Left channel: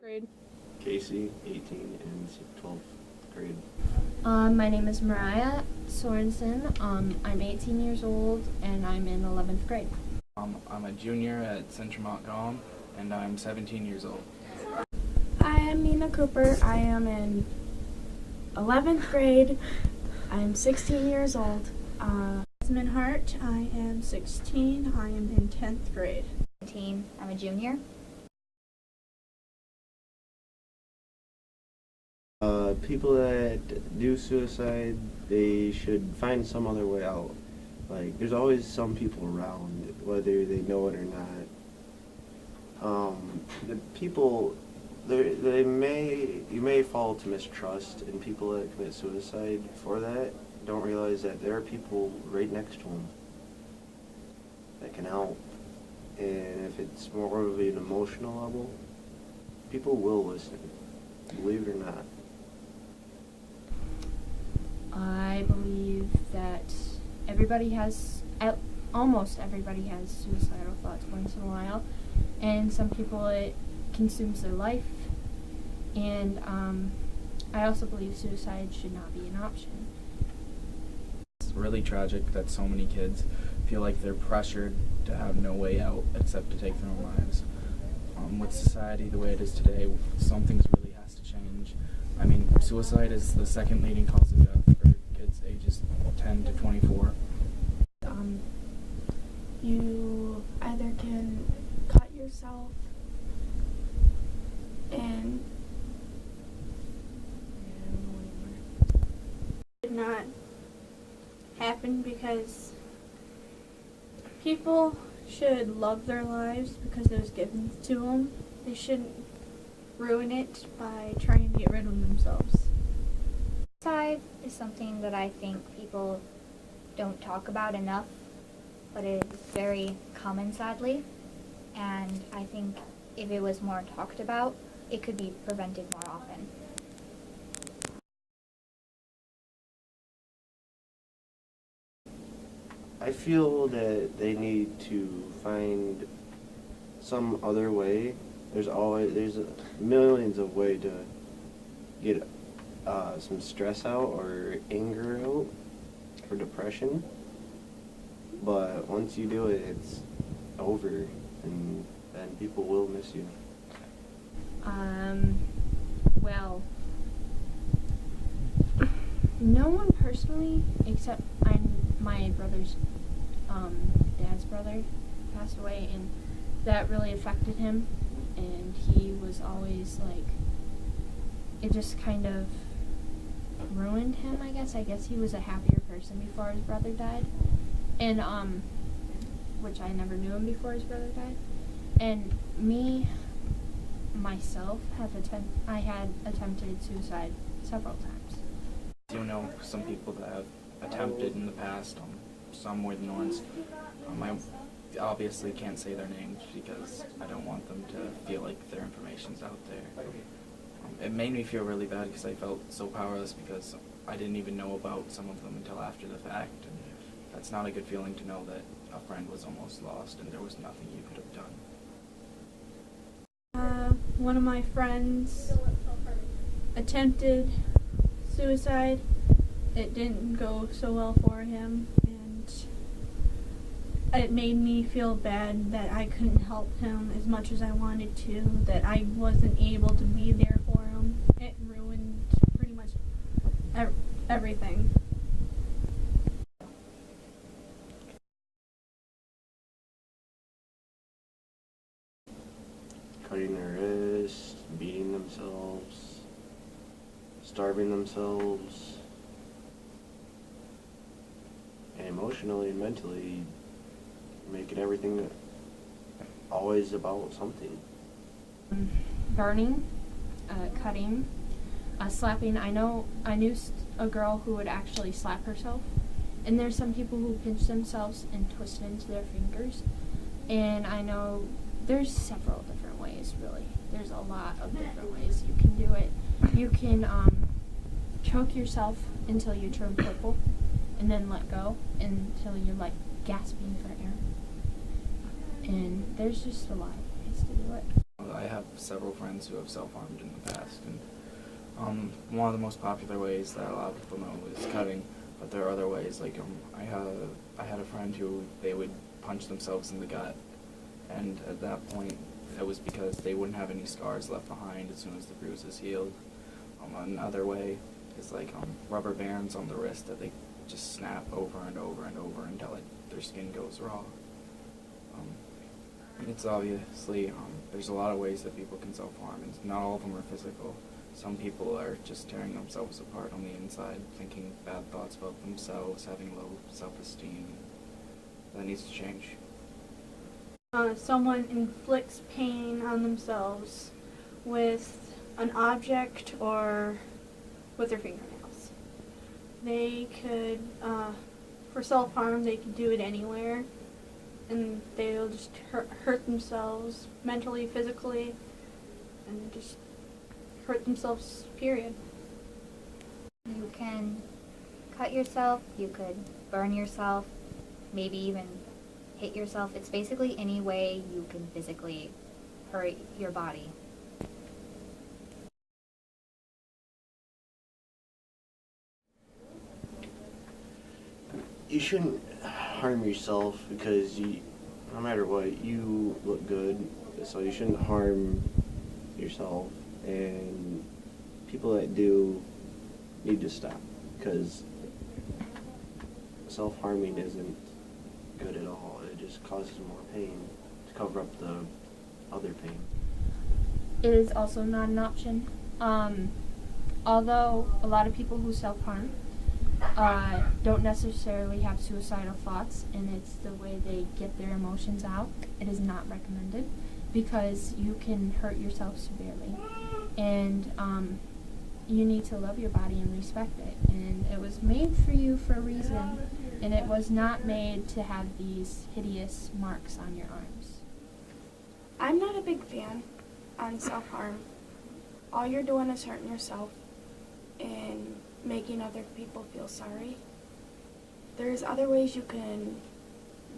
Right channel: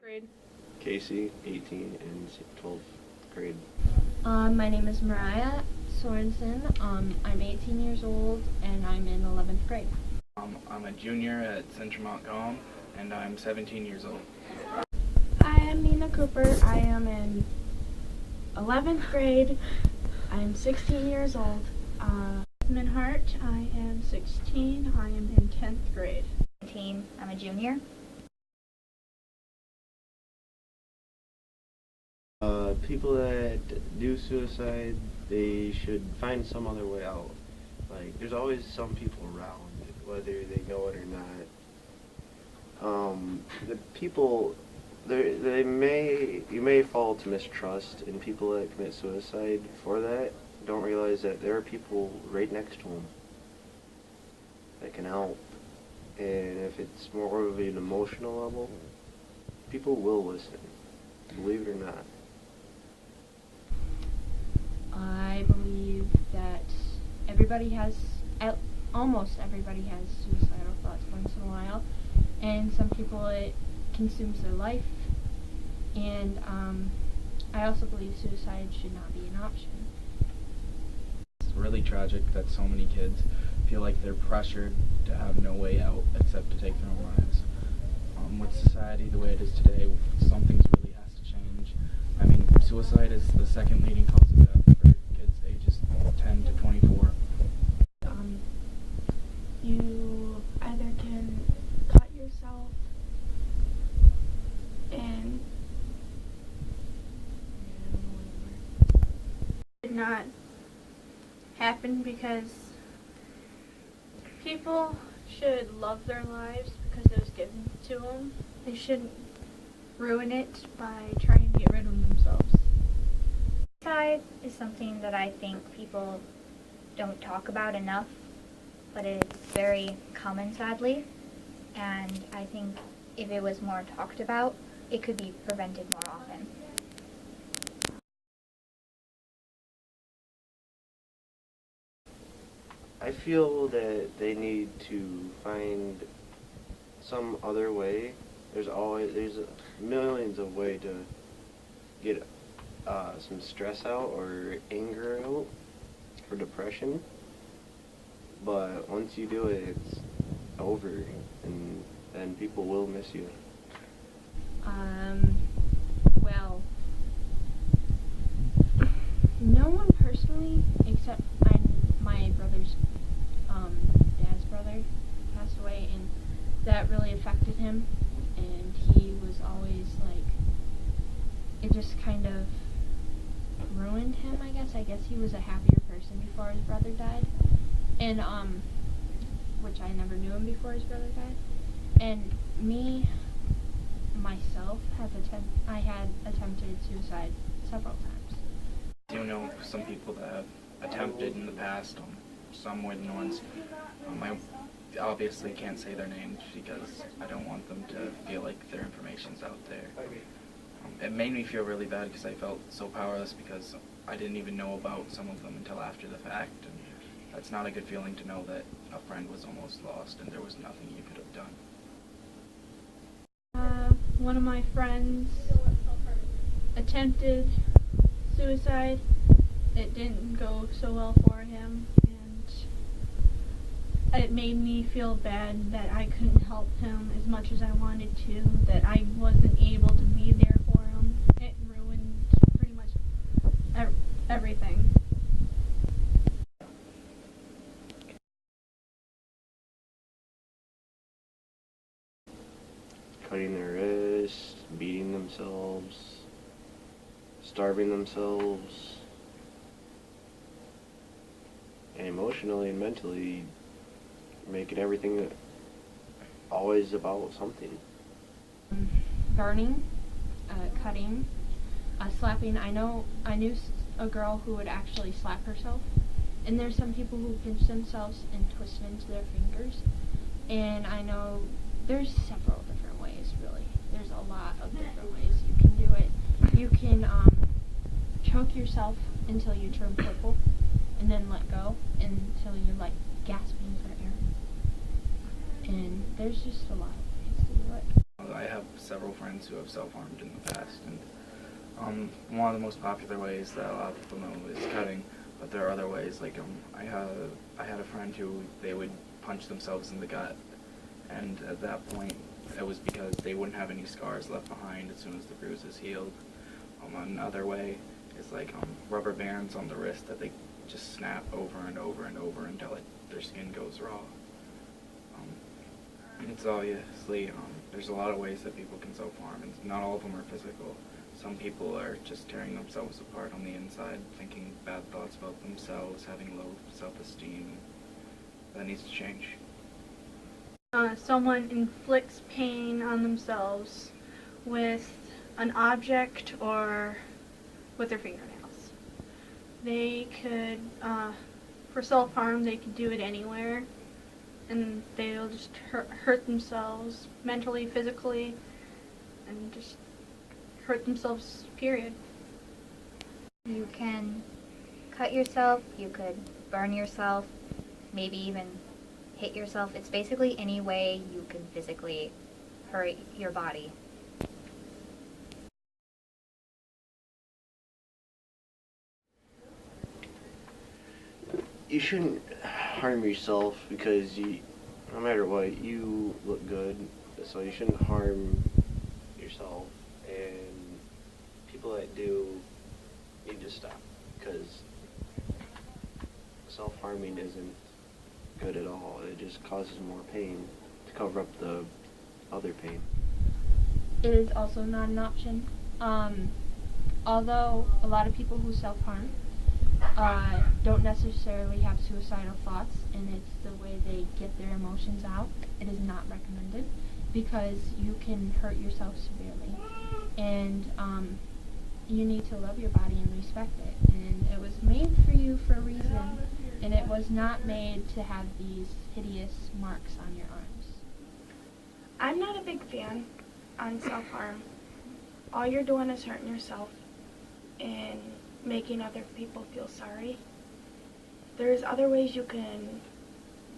Grade. Casey, 18, in 12th grade. My name is Mariah Sorensen. I'm 18 years old and I'm in 11th grade. I'm a junior at Central Montcalm and I'm 17 years old. I am Nina Cooper. I am in 11th grade. I am 16 years old. Jasmine Hart. I am 16. I am in 10th grade. I'm a junior. People that do suicide, they should find some other way out. Like, there's always some people around, whether they know it or not. The people, you may fall to mistrust, and people that commit suicide for that don't realize that there are people right next to them that can help. And if it's more of an emotional level, people will listen, believe it or not. I believe that almost everybody has suicidal thoughts once in a while, and some people it consumes their life, and I also believe suicide should not be an option. It's really tragic that so many kids feel like they're pressured to have no way out except to take their own lives. With society the way it is today, some things really has to change. I mean, suicide is the second leading cause of death for kids ages 10 to 24. You either can cut yourself and Did not happen because people should love their lives because it was given to them. They shouldn't ruin it by trying to get rid of themselves. Suicide is something that I think people don't talk about enough, but it is very common, sadly, and I think if it was more talked about, it could be prevented more often. I feel that they need to find some other way. There's millions of ways to get some stress out or anger out or depression. But once you do it, it's over, and people will miss you. Well, no one personally, except my brother's dad's brother passed away, and that really affected him, and he was always like, it just kind of ruined him, I guess. I guess he was a happier person before his brother died, and which I never knew him before his brother died. And myself I had attempted suicide several times. You know, some people that have attempted in the past, some more than once. I obviously can't say their names because I don't want them to feel like their information's out there. It made me feel really bad because I felt so powerless because I didn't even know about some of them until after the fact, and that's not a good feeling to know that a friend was almost lost and there was nothing you could have done. One of my friends attempted suicide. It didn't go so well for him, and it made me feel bad that I couldn't help him as much as I wanted to, that I wasn't able to be there for him. It ruined pretty much everything. Cutting their wrists, beating themselves, starving themselves, and emotionally and mentally making everything always about something. Burning, cutting, slapping. I knew a girl who would actually slap herself, and there's some people who pinch themselves and twist it into their fingers, and I know there's several different ways, really. There's a lot of different ways you can do it. You can choke yourself until you turn purple, and then let go until you're like gasping for air. And there's just a lot of ways to do it. I have several friends who have self-harmed in the past, and one of the most popular ways that a lot of people know is cutting, but there are other ways, like I had a friend who they would punch themselves in the gut, and at that point it was because they wouldn't have any scars left behind as soon as the bruises healed. Another way is like rubber bands on the wrist that they just snap over and over and over until their skin goes raw. It's obviously, there's a lot of ways that people can self-harm, and not all of them are physical. Some people are just tearing themselves apart on the inside, thinking bad thoughts about themselves, having low self-esteem. That needs to change. Someone inflicts pain on themselves with an object or with their fingernails. They could, for self-harm, they could do it anywhere, and they'll just hurt themselves mentally, physically, and just hurt themselves, period. You can cut yourself, you could burn yourself, maybe even hit yourself. It's basically any way you can physically hurt your body. You shouldn't harm yourself because no matter what, you look good, so you shouldn't harm yourself, and people that do need to stop, because self-harming isn't good at all. It just causes more pain to cover up the other pain. It is also not an option. Although a lot of people who self-harm don't necessarily have suicidal thoughts, and it's the way they get their emotions out, it is not recommended, because you can hurt yourself severely. And you need to love your body and respect it. And it was made for you for a reason, and it was not made to have these hideous marks on your arms. I'm not a big fan on self-harm. All you're doing is hurting yourself and making other people feel sorry. There's other ways you can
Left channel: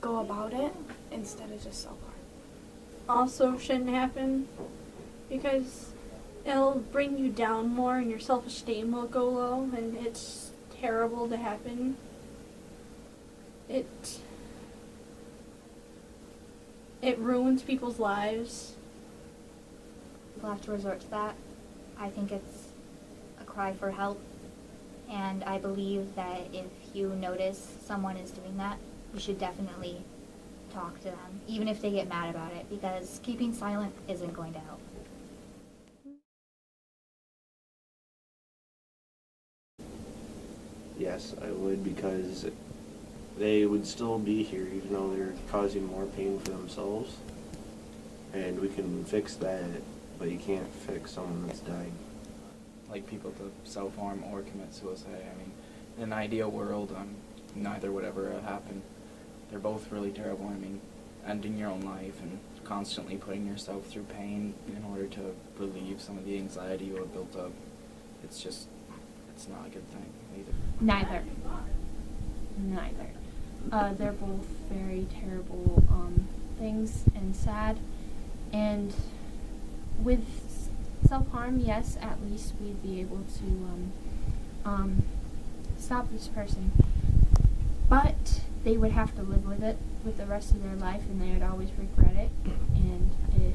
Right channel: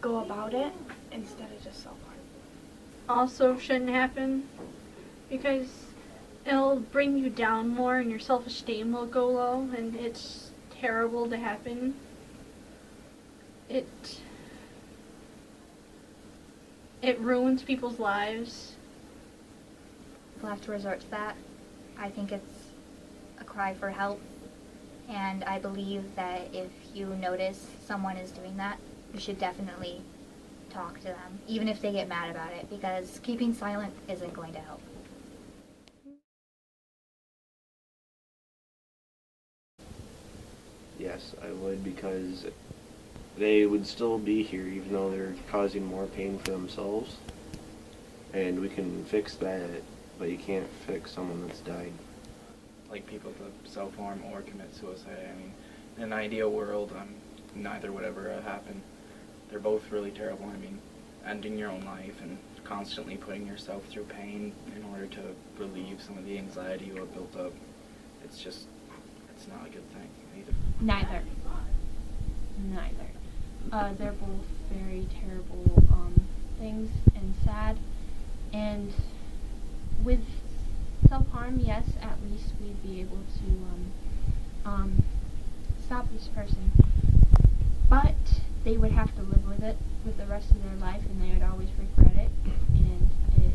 go about it instead of just self-harm. Also shouldn't happen because it'll bring you down more and your self-esteem will go low, and it's terrible to happen. It ruins people's lives. People have to resort to that. I think it's a cry for help, and I believe that if you notice someone is doing that, you should definitely talk to them, even if they get mad about it, because keeping silent isn't going to help. Yes, I would, because they would still be here even though they're causing more pain for themselves. And we can fix that, but you can't fix someone that's died. Like people to self-harm or commit suicide. I mean, in an ideal world, neither would ever happen. They're both really terrible. I mean, ending your own life and constantly putting yourself through pain in order to relieve some of the anxiety you have built up, it's not a good thing either. Neither. They're both very terrible things and sad. And with self-harm, yes, at least we'd be able to stop this person. But they would have to live with it with the rest of their life, and they would always regret it, and it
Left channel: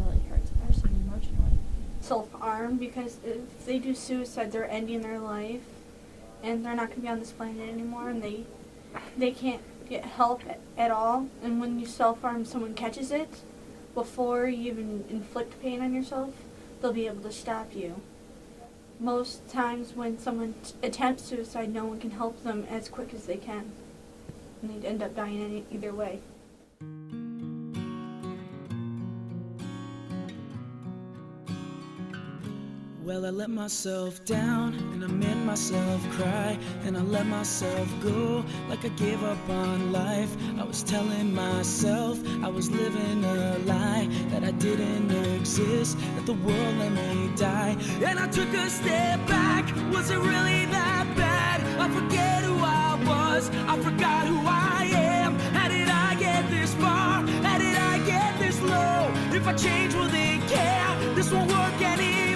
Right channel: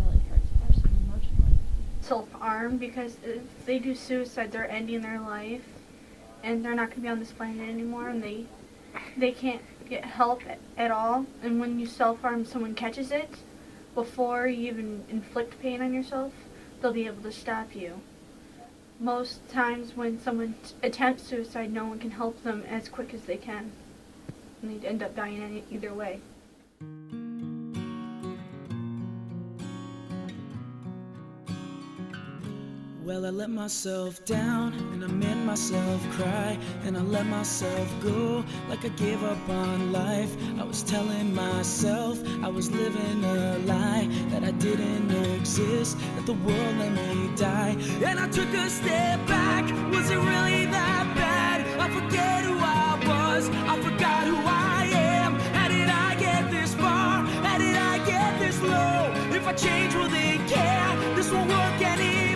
really hurts a person emotionally. Self-harm, because if they do suicide, they're ending their life, and they're not going to be on this planet anymore, and they can't get help at all. And when you self-harm, someone catches it before you even inflict pain on yourself, they'll be able to stop you. Most times when someone attempts suicide, no one can help them as quick as they can, and they end up dying either way. Well, I let myself down, and I made myself cry, and I let myself go, like I gave up on life. I was telling myself I was living a lie, that I didn't exist, that the world let me die. And I took a step back, was it really that bad? I forget who I was, I forgot who I am. How did I get this far? How did I get this low? If I change, will they care? This won't work anymore.